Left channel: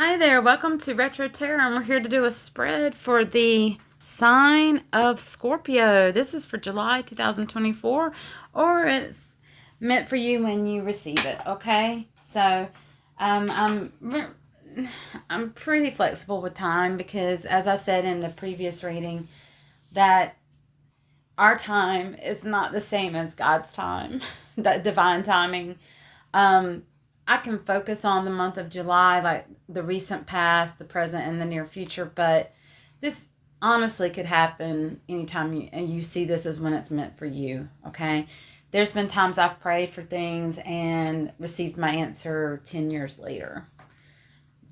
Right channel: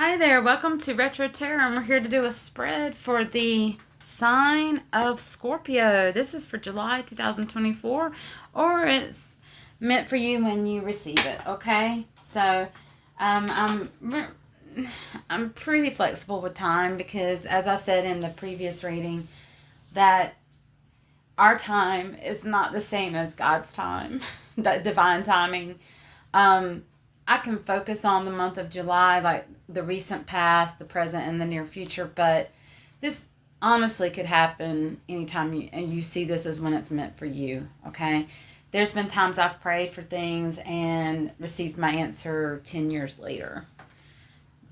Hi there, welcome to Retro Tarot, and we're here to do a spread for the sign of Scorpio. This is for July 2024, or it's meant for you when you receive it, okay? So, I'm pretty flexible with time because, as I said in the previous reading, that our time is not the same as God's time, that divine timing. Um, I can focus on the month of July, like the recent past, the present, and the near future, but this honestly could happen anytime you see this as when it's meant for you, okay? There's been times I've prayed for things and received my answer 10 years later.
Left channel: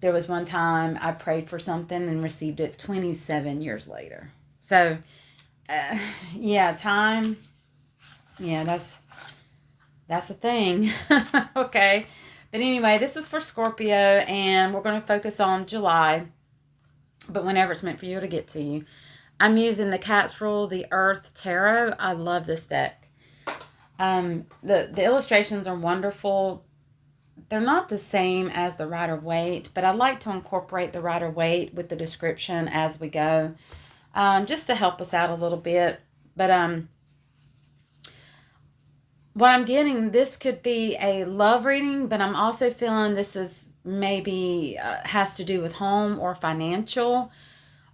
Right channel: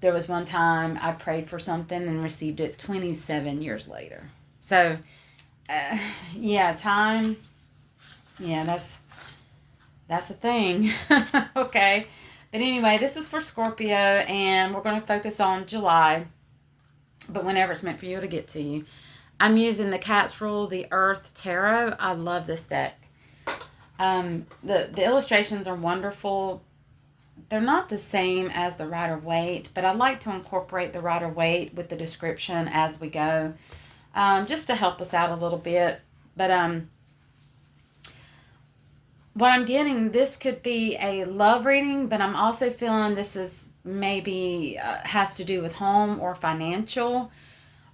There was one time I prayed for something and received it 27 years later. So, uh, yeah, time, yeah, that's the thing. Okay. But anyway, this is for Scorpio, and we're going to focus on July, but whenever it's meant for you, it'll get to you. I'm using the Cat's Rule, the Earth Tarot. I love this deck. The illustrations are wonderful. They're not the same as the Rider-Waite, but I like to incorporate the Rider-Waite with the description as we go, just to help us out a little bit. But what I'm getting, this could be a love reading, but I'm also feeling this is maybe has to do with home or financial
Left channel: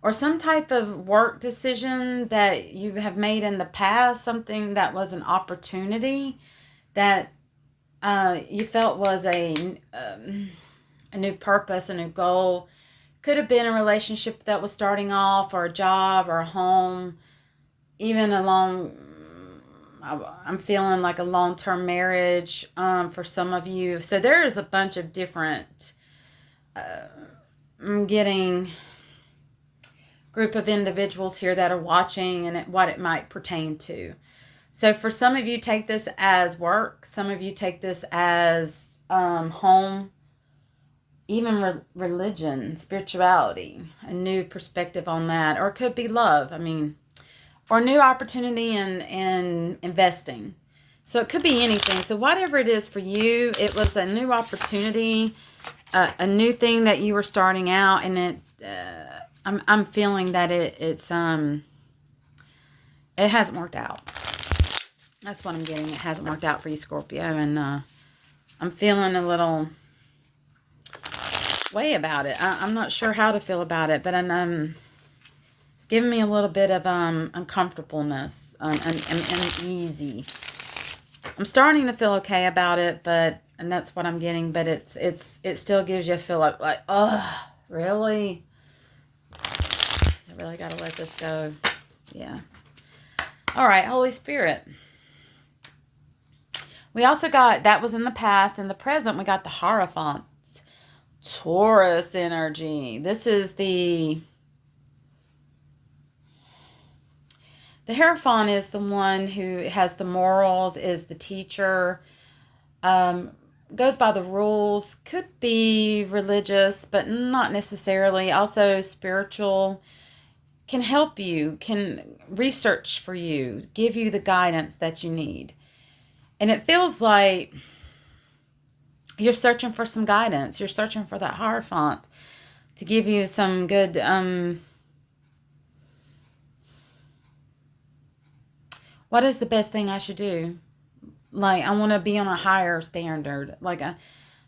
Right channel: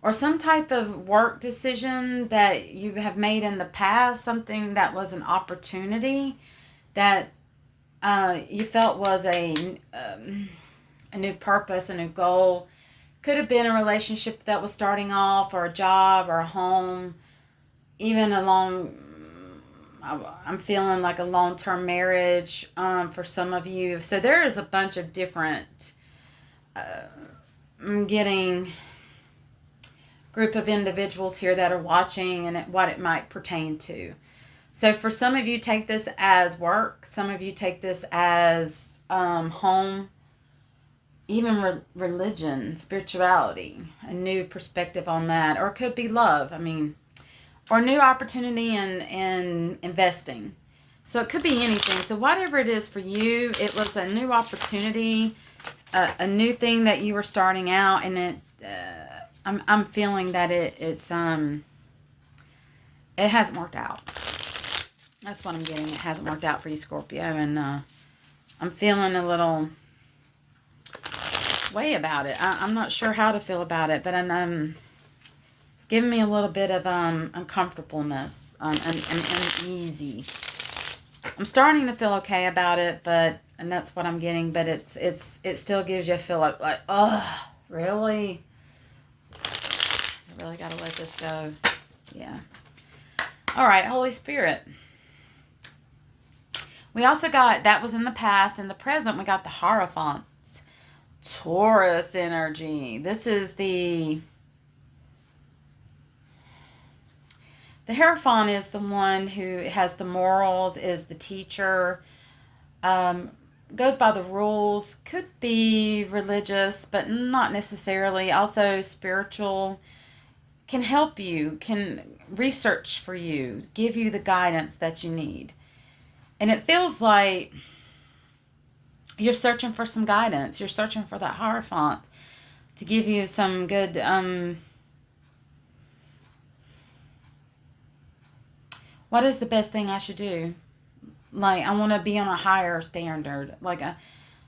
or some type of work decision that you have made in the past, something that was an opportunity that you felt was a new purpose, a new goal. Could have been a relationship that was starting off, or a job, or a home, even a long, I'm feeling like a long-term marriage for some of you. So there is a bunch of different, I'm getting group of individuals here that are watching and what it might pertain to. So for some of you, take this as work. Some of you take this as home, even religion, spirituality, a new perspective on that. Or it could be love. I mean, or new opportunity in investing. So it could be anything. So whatever it is for you, it was a new opportunity, a new thing that you were starting out, and I'm feeling that it hasn't worked out. That's what I'm getting. It hasn't worked out for you, Scorpio, and I'm feeling a little way about it. I'm not sure how to feel about it, but I'm giving me a little bit of uncomfortableness and uneasy. I'm starting to feel okay about it, and that's what I'm getting. But it still gives you a feel like oh, really? I really got to let this go. Yeah. All right, Holy Spirit. We also got, that was in the past. In the present, we got the Hierophant. Taurus energy. This is the Hierophant is the one who has the morals, is the teacher, goes by the rules, could be religious, but not necessarily. Also spiritual, can help you, can research for you, give you the guidance that you need. And it feels like you're searching for some guidance. You're searching for that Hierophant to give you some good what is the best thing I should do? Like, I want to be on a higher standard, like a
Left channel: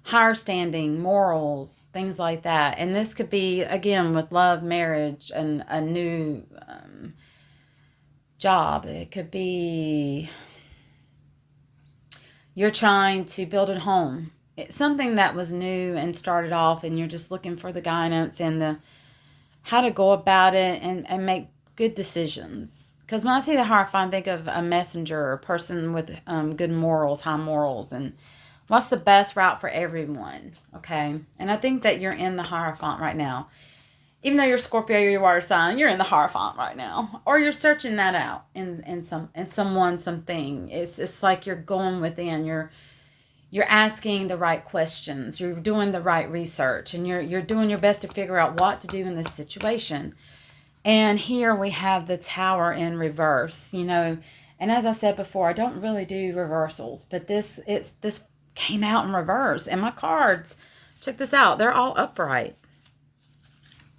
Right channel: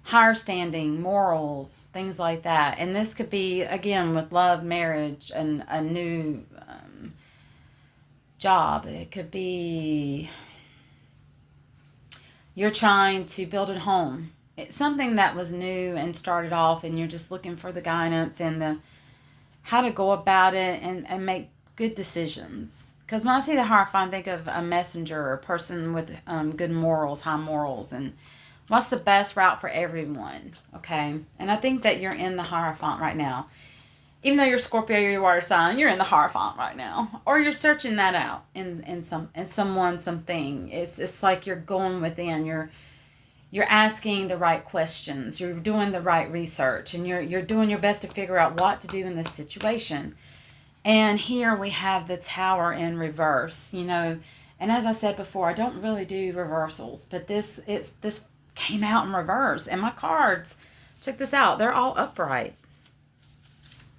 higher standing, morals, things like that. And this could be, again, with love, marriage, and a new job. It could be you're trying to build a home. It's something that was new and started off, and you're just looking for the guidance and the how to go about it and make good decisions. Because when I see the Hierophant, I think of a messenger, a person with good morals, high morals, and what's the best route for everyone, okay? And I think that you're in the Hierophant right now. Even though you're Scorpio, you're water sign, you're in the Hierophant right now. Or you're searching that out in someone, something. It's like you're going within, you're asking the right questions, you're doing the right research, and you're doing your best to figure out what to do in this situation. And here we have the Tower in reverse, and as I said before, I don't really do reversals, but this came out in reverse. And my cards, check this out, they're all upright.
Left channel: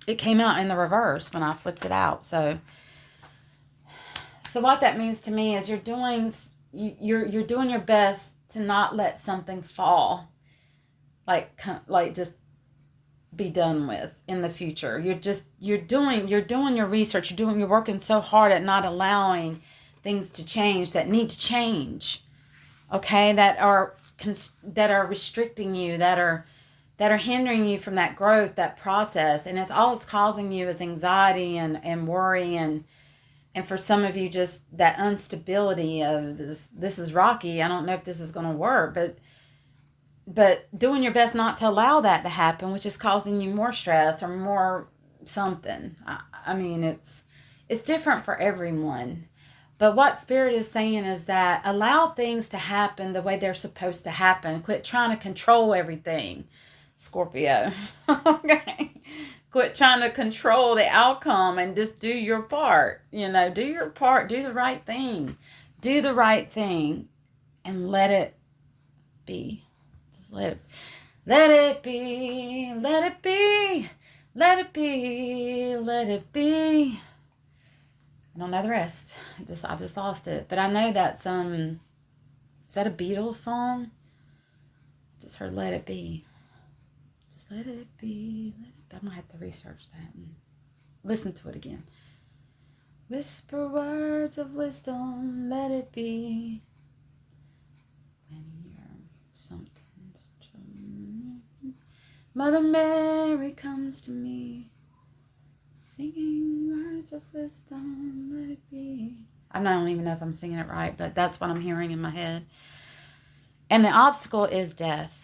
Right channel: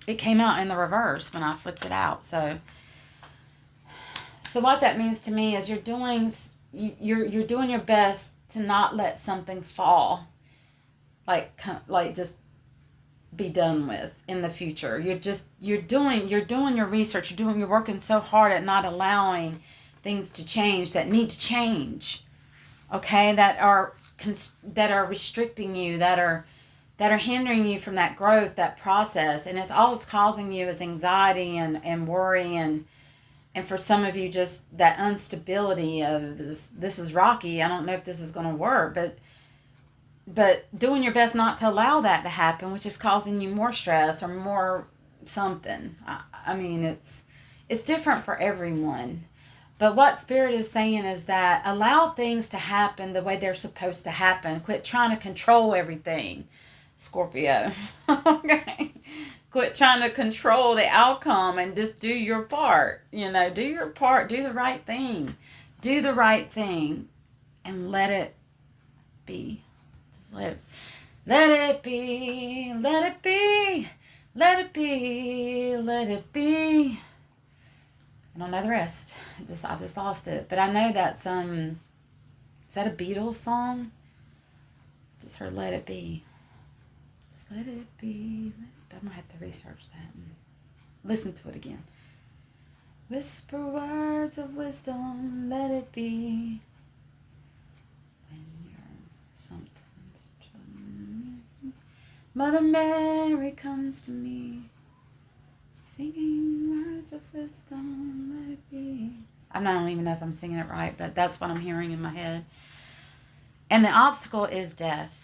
it came out in the reverse when I flipped it out. So what that means to me is you're doing your best to not let something fall, like just be done with in the future. You're doing your research. You're working so hard at not allowing things to change that need to change. Okay, that are restricting you, that are hindering you from that growth, that process, and it's causing you is anxiety and worry and for some of you just that instability of this is rocky. I don't know if this is going to work, but doing your best not to allow that to happen, which is causing you more stress or more something. I mean, it's different for everyone. But what Spirit is saying is that allow things to happen the way they're supposed to happen. Quit trying to control everything, Scorpio. Okay? Quit trying to control the outcome and just do your part. Do your part. Do the right thing. Do the right thing and let it be. Let it be, let it be, let it be, let it be. I don't know the rest. I just lost it. But I know that's is that a Beatles song? Just heard Let It Be. Just let it be. I might have to research that and listen to it again. Whisper words of wisdom, let it be. When you're something. Mother Mary comes to me, singing words of wisdom, let it be. I don't even know if I'm singing it right, but that's what I'm hearing in my head. And the obstacle is death.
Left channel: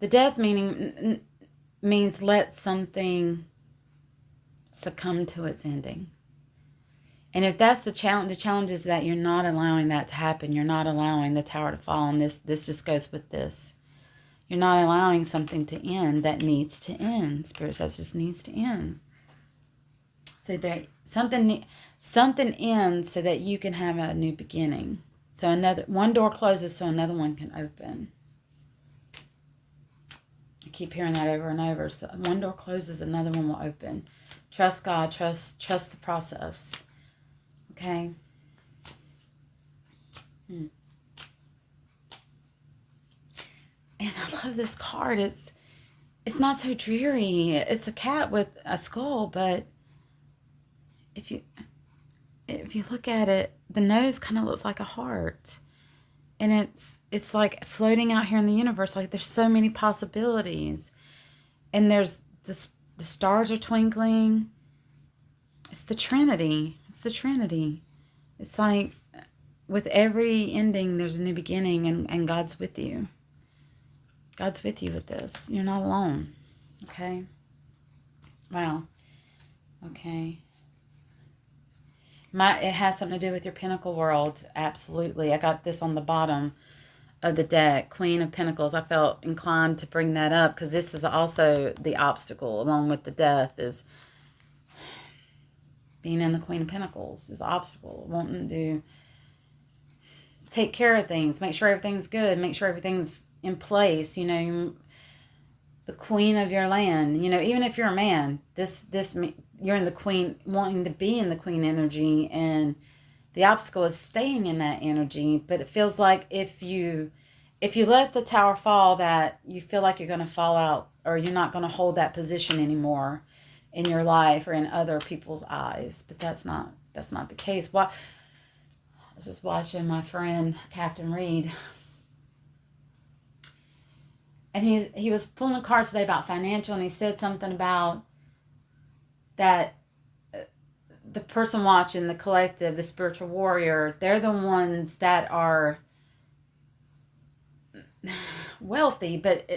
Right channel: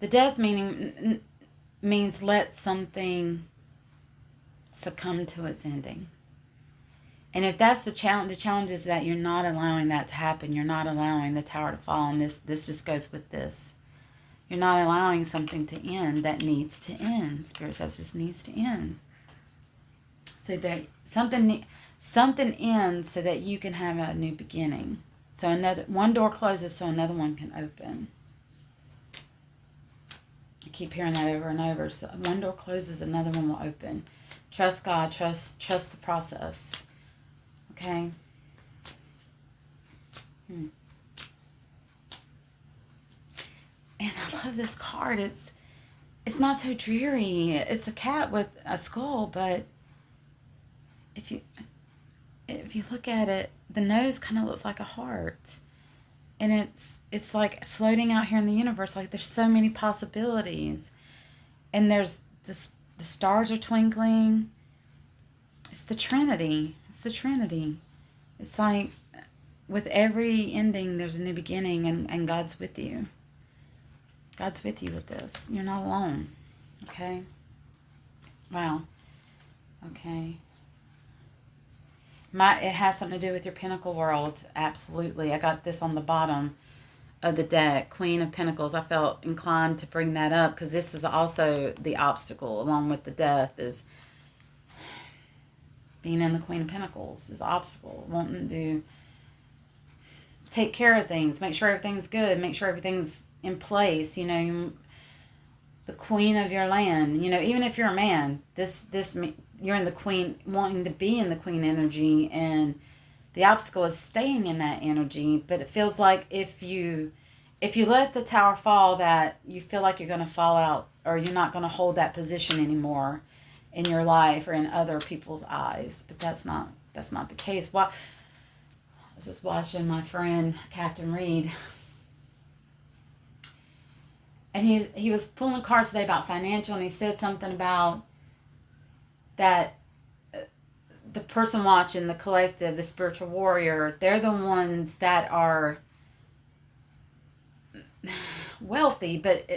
The death means let something succumb to its ending. And if that's the challenge is that you're not allowing that to happen. You're not allowing the tower to fall. And this just goes with this. You're not allowing something to end that needs to end. Spirit says this needs to end. So that something ends so that you can have a new beginning. So one door closes so another one can open. I keep hearing that over and over. So one door closes, another one will open. Trust God. Trust the process. Okay. And I love this card. It's not so dreary. It's a cat with a skull, but if you look at it, the nose kind of looks like a heart. And it's like floating out here in the universe. Like there's so many possibilities. And there's the stars are twinkling. It's the Trinity. It's like with every ending, there's a new beginning, and God's with you. God's with you with this. You're not alone. Okay? Wow. Okay. It has something to do with your Pentacle world. Absolutely. I got this on the bottom of the deck. Queen of Pentacles. I felt inclined to bring that up because this is also the obstacle along with the death is being in the Queen of Pentacles is the obstacle. Wanting to take care of things. Make sure everything's good. Make sure everything's in place. The queen of your land. Even if you're a man, this you're in the queen, wanting to be in the queen energy, and the obstacle is staying in that energy. But it feels like if you let the tower fall, that you feel like you're going to fall out, or you're not going to hold that position anymore in your life or in other people's eyes. But that's not the case. I was just watching my friend Captain Reed, and he was pulling cards today about financial, and he said something about that the person watching, the collective, the spiritual warrior, they're the ones that are wealthy, but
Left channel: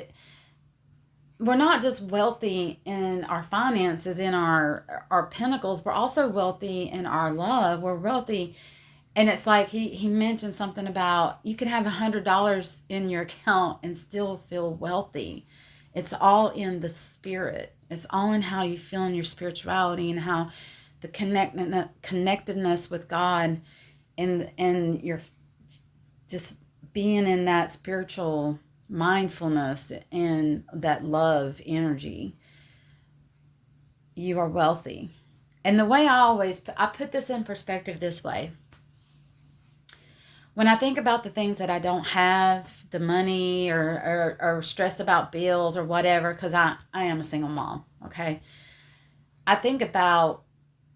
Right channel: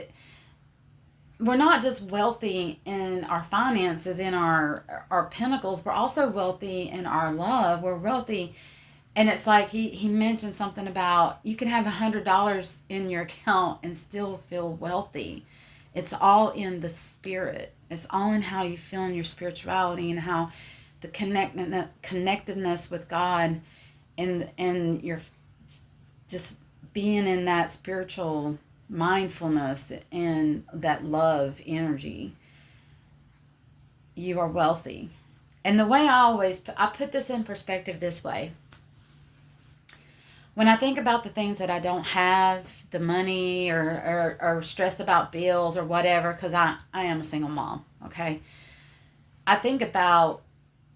we're not just wealthy in our finances, in our pentacles, we're also wealthy in our love. We're wealthy. And it's like he mentioned something about you can have $100 in your account and still feel wealthy. It's all in the spirit. It's all in how you feel in your spirituality and how the connectedness with God and your just being in that spiritual mindfulness and that love energy, you are wealthy. And the way I put this in perspective this way. When I think about the things that I don't have, the money or stressed about bills or whatever, because I am a single mom, okay? I think about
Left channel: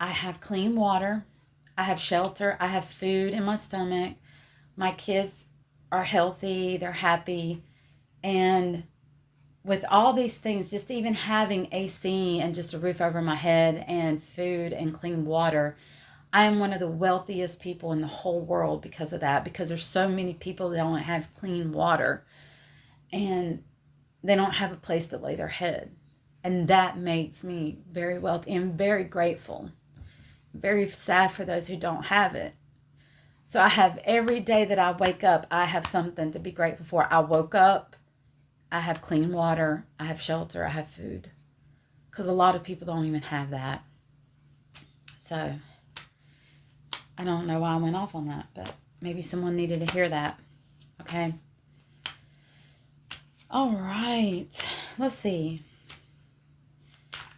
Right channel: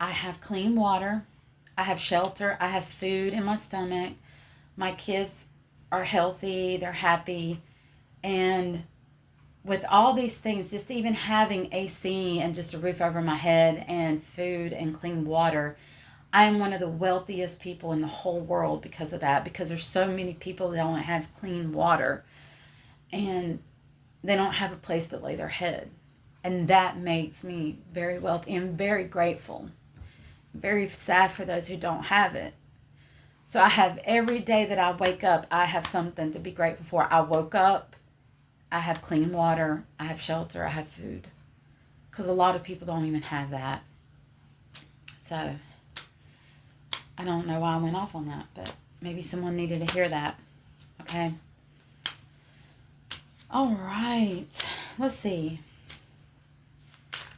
I have clean water, I have shelter, I have food in my stomach, my kids are healthy, they're happy, and with all these things, just even having AC and just a roof over my head and food and clean water, I am one of the wealthiest people in the whole world because of that, because there's so many people that don't have clean water and they don't have a place to lay their head. And that makes me very wealthy and very grateful. Very sad for those who don't have it. So I have every day that I wake up, I have something to be grateful for. I woke up, I have clean water, I have shelter, I have food. Because a lot of people don't even have that. So I don't know why I went off on that, but maybe someone needed to hear that. Okay. All right. Let's see.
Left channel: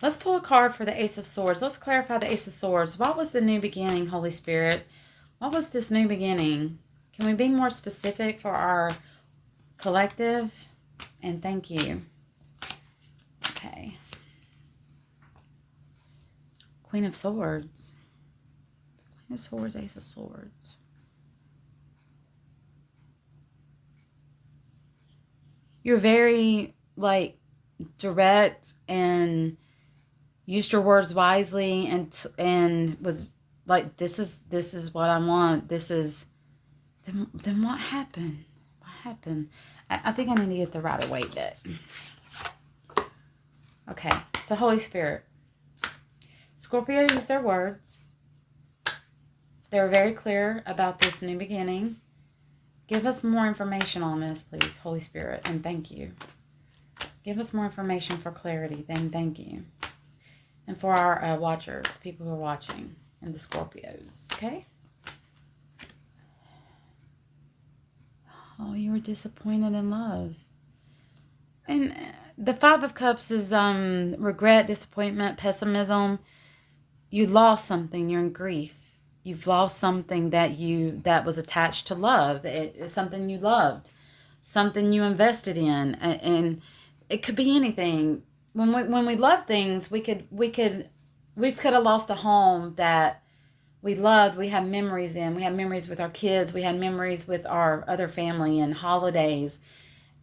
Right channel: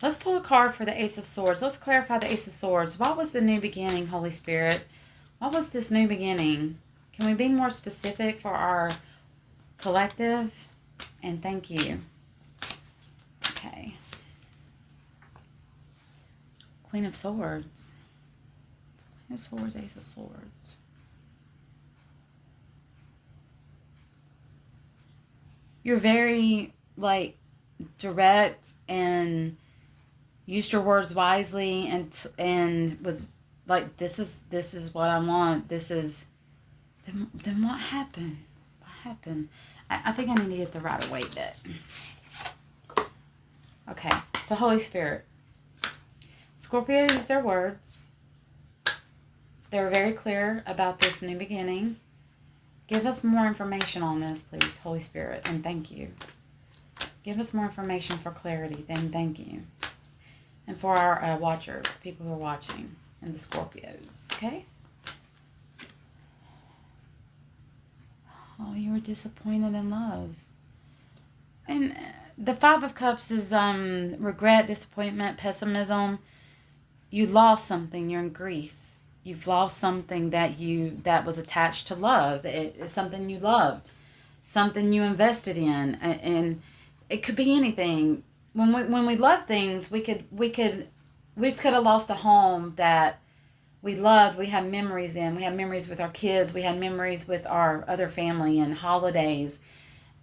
Let's pull a card for the Ace of Swords. Let's clarify the Ace of Swords. What was the new beginning, Holy Spirit? What was this new beginning? Can we be more specific for our collective? And thank you. Okay. Queen of Swords. Queen of Swords, Ace of Swords. You're very, direct and used your words wisely and was like, this is what I want. This is, then what happened? What happened? I think I need to get the right away bit. Okay, so Holy Spirit. Scorpio used their words. They were very clear about this new beginning. Give us more information on this, please, Holy Spirit, and thank you. Give us more information for clarity, then thank you. And for our watchers, the people who are watching, and the Scorpios, okay? Oh, you were disappointed in love. And the Five of Cups is regret, disappointment, pessimism. You lost something. You're in grief. You've lost something that was attached to love. It's something you loved, something you invested in, and it could be anything. When we love things, we could have lost a home that we loved. We had memories in. We had memories with our kids. We had memories with our other family and holidays.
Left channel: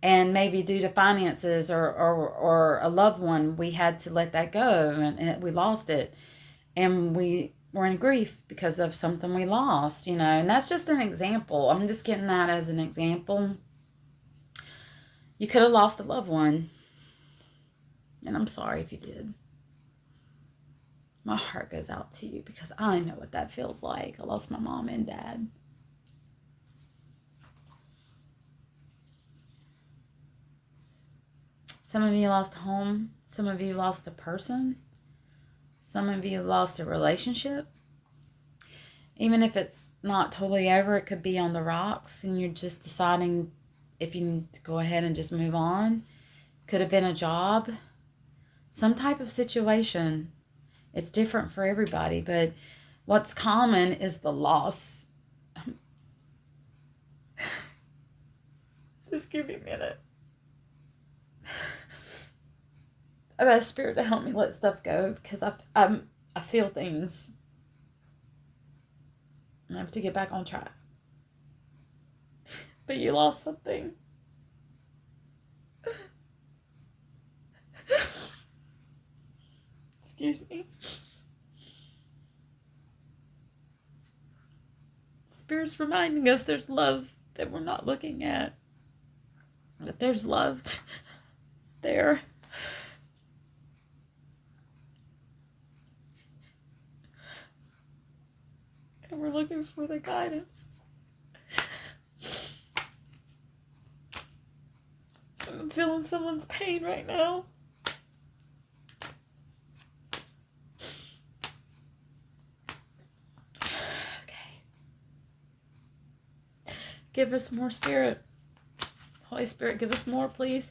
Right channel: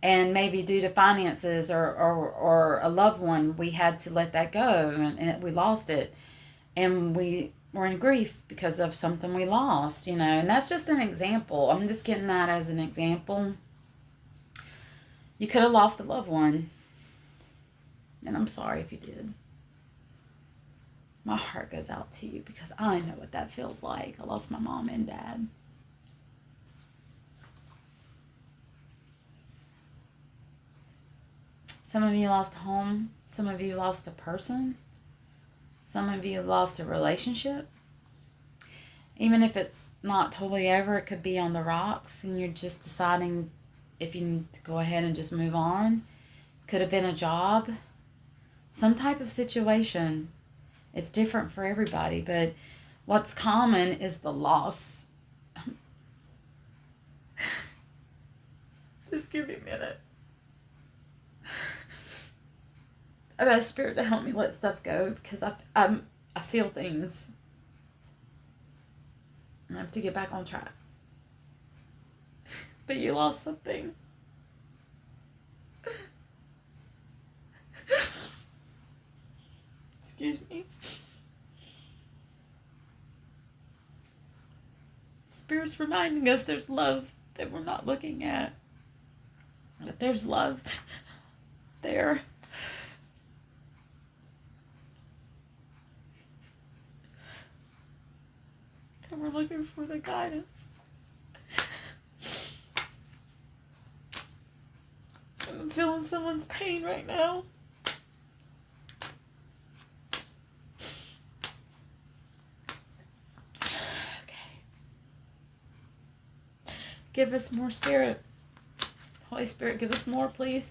And maybe due to finances or a loved one, we had to let that go and we lost it. And we were in grief because of something we lost, And that's just an example. I'm just getting that as an example. You could have lost a loved one. And I'm sorry if you did. My heart goes out to you because I know what that feels like. I lost my mom and dad. Some of you lost a home. Some of you lost a person. Some of you lost a relationship. Even if it's not totally over, it could be on the rocks and you're just deciding if you need to go ahead and just move on. Could have been a job. Some type of situation. It's different for everybody, but what's common is the loss. Just give me a minute. I've asked Spirit to help me let stuff go because I feel things. I have to get back on track. But you lost something. Excuse me. Spirit's reminding us there's love that we're not looking at. That there's love there. And we're looking for the guidance. I'm feeling someone's pain right now. Okay. Give us more Spirit. Holy Spirit, give us more, please.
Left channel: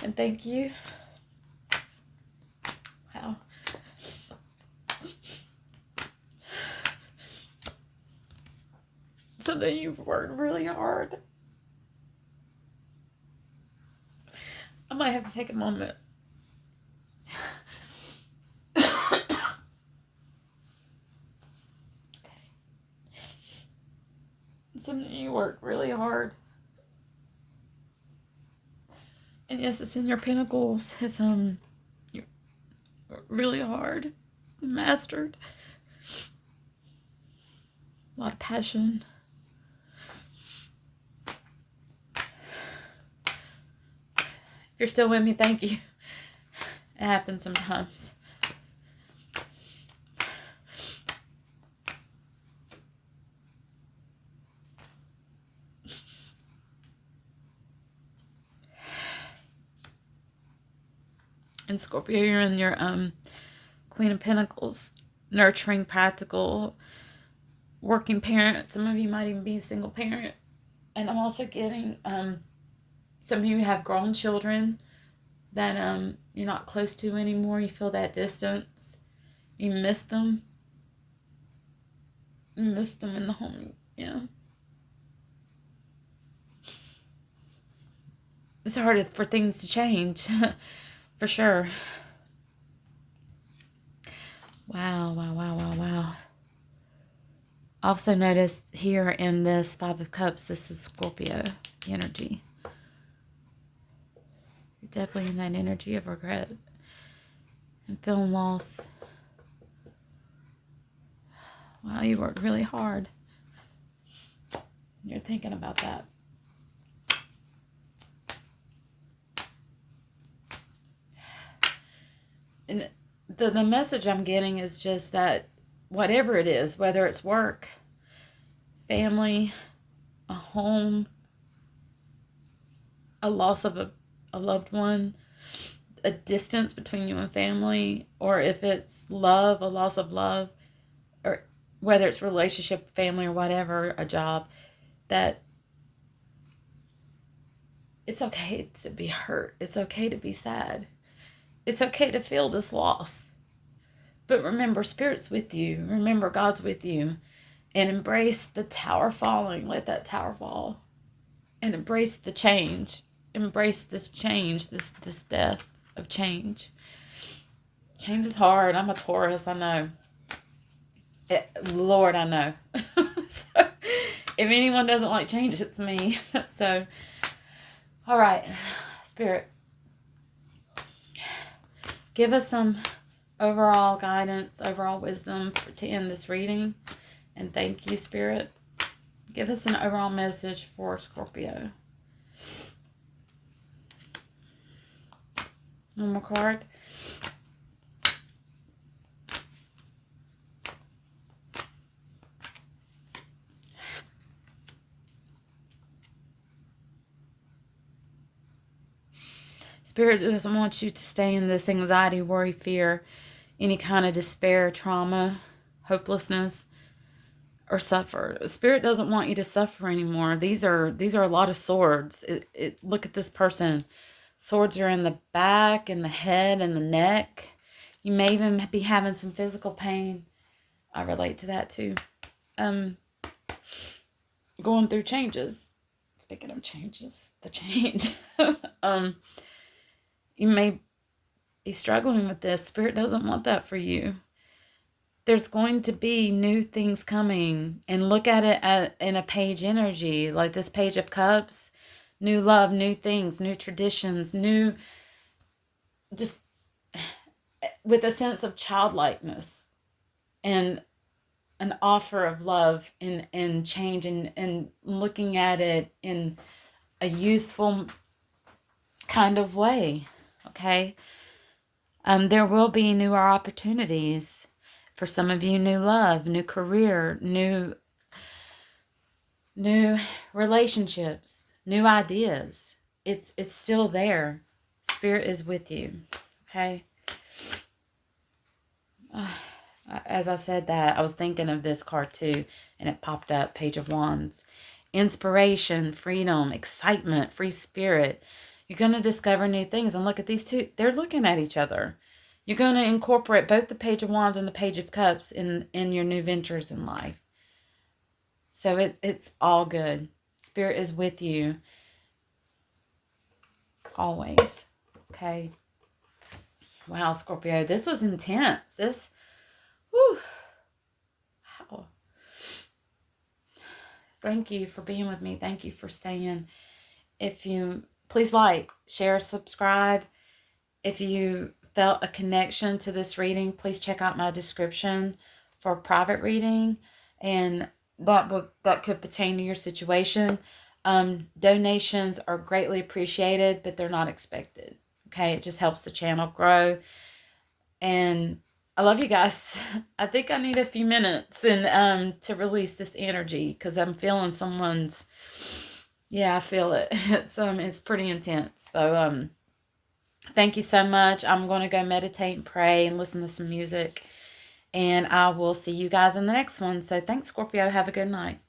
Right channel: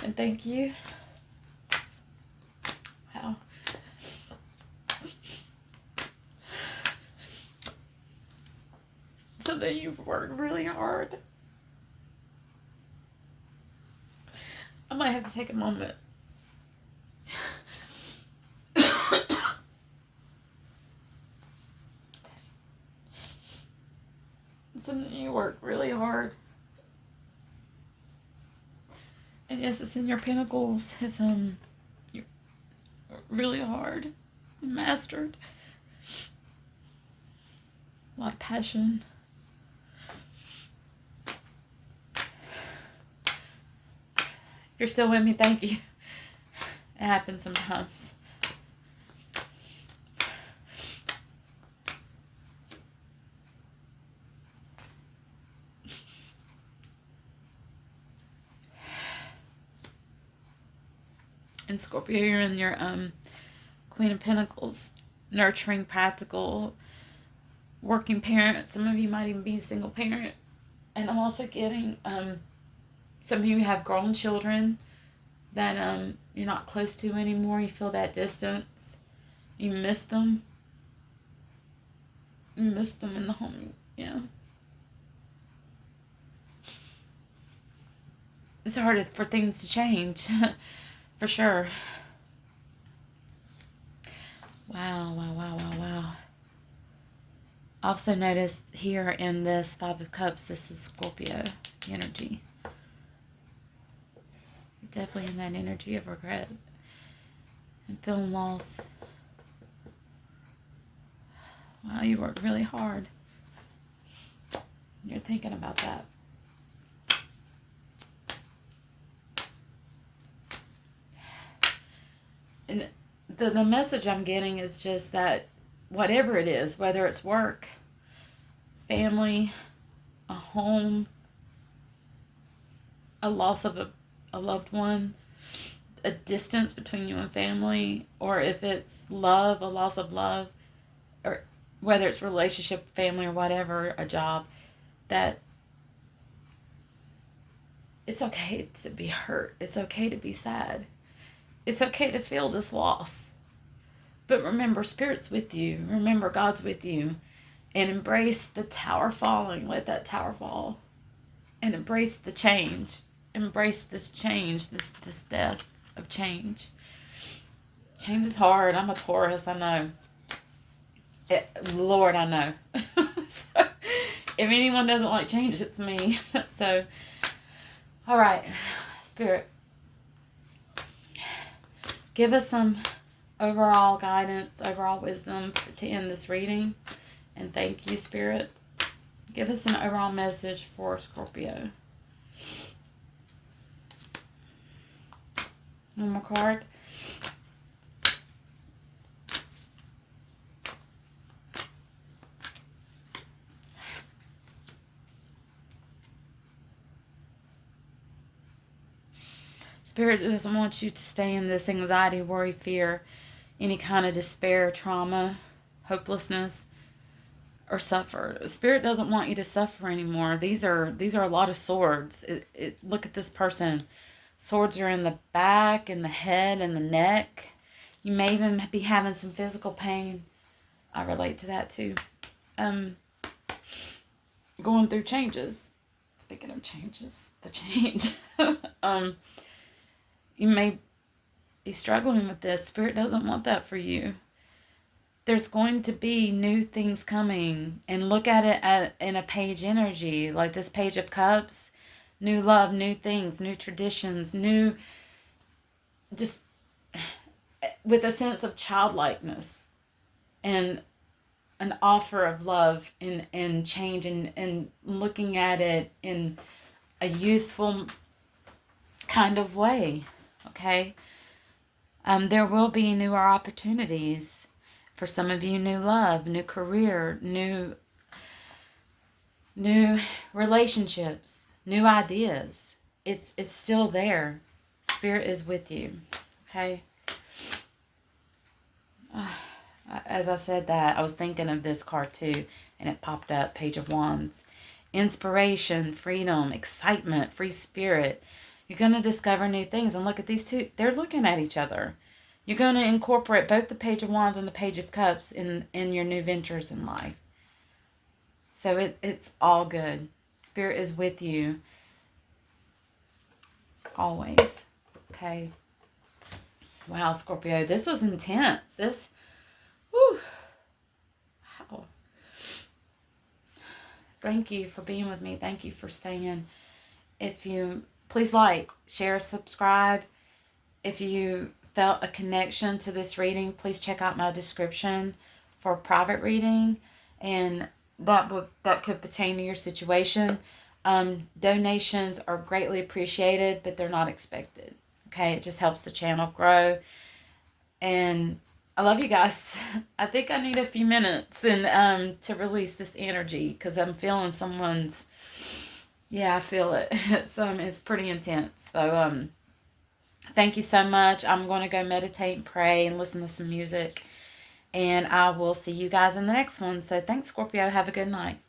And thank you. Wow. So that you've worked really hard. I might have to take a moment. Something you work really hard. And yes, it's in your Pentacles. It's you're really hard. Mastered. A lot of passion. If you're still with me, thank you. It happens sometimes. And Scorpio, you're in your Queen of Pentacles, nurturing, practical, working parent. Some of you might even be a single parent. And I'm also getting some of you have grown children that you're not close to anymore. You feel that distance. You miss them. You miss them in the home. Yeah. It's hard for things to change. For sure. Wow, wow, wow, wow, wow. Also notice here in this Five of Cups, this is Scorpio energy. You're definitely in that energy of regret and feeling lost. Wow, you worked really hard. You're thinking about that. And the message I'm getting is just that whatever it is, whether it's work, family, a home, a loss of a loved one, a distance between you and family, or if it's love, a loss of love, or whether it's relationship, family, or whatever, a job, that it's okay to be hurt. It's okay to be sad. It's okay to feel this loss. But remember, Spirit's with you. Remember, God's with you. And embrace the tower falling. Let that tower fall. And embrace the change. Embrace this change, this death of change. Change is hard. I'm a Taurus, I know. Lord, I know. So, if anyone doesn't like change, it's me. So, all right, Spirit. Give us some overall guidance, overall wisdom to end this reading. And thank you, Spirit. Give us an overall message for Scorpio. One more card. Spirit doesn't want you to stay in this anxiety, worry, fear, any kind of despair, trauma, hopelessness, or suffer. Spirit doesn't want you to suffer anymore. These are a lot of swords. Look at this person. Swords are in the back, in the head, and the neck. You may even be having some physical pain. I relate to that too. Going through changes. Speaking of changes, the change. You may be struggling with this. Spirit doesn't want that for you. There's going to be new things coming. And look at it in a page energy. Like this Page of Cups. New love, new things, new traditions, new... Just with a sense of childlikeness. And an offer of love and change. And looking at it in a youthful kind of way. Okay? There will be newer opportunities for some of you. New love, new career, new relationships, new ideas. It's still there. Spirit is with you. Okay? As I said that, I was thinking of this card too, and it popped up, Page of Wands. inspiration, freedom, excitement, free spirit. You're going to discover new things. And look at these two. They're looking at each other. You're going to incorporate both the Page of Wands and the Page of Cups in your new ventures in life. So it's all good. Spirit is with you always. Okay. Wow, Scorpio, this was intense. Whew. Wow. Thank you for being with me. Thank you for staying. Please like, share, subscribe. If you felt a connection to this reading, please check out my description for a private reading, and that could pertain to your situation. Donations are greatly appreciated, but they're not expected. Okay, it just helps the channel grow. And I love you guys. I think I need a few minutes and to release this energy, because I'm feeling someone's. Yeah, I feel it. It's pretty intense. So thank you so much. I'm going to go meditate and pray and listen to some music. And I will see you guys in the next one. So thanks, Scorpio. Have a good night.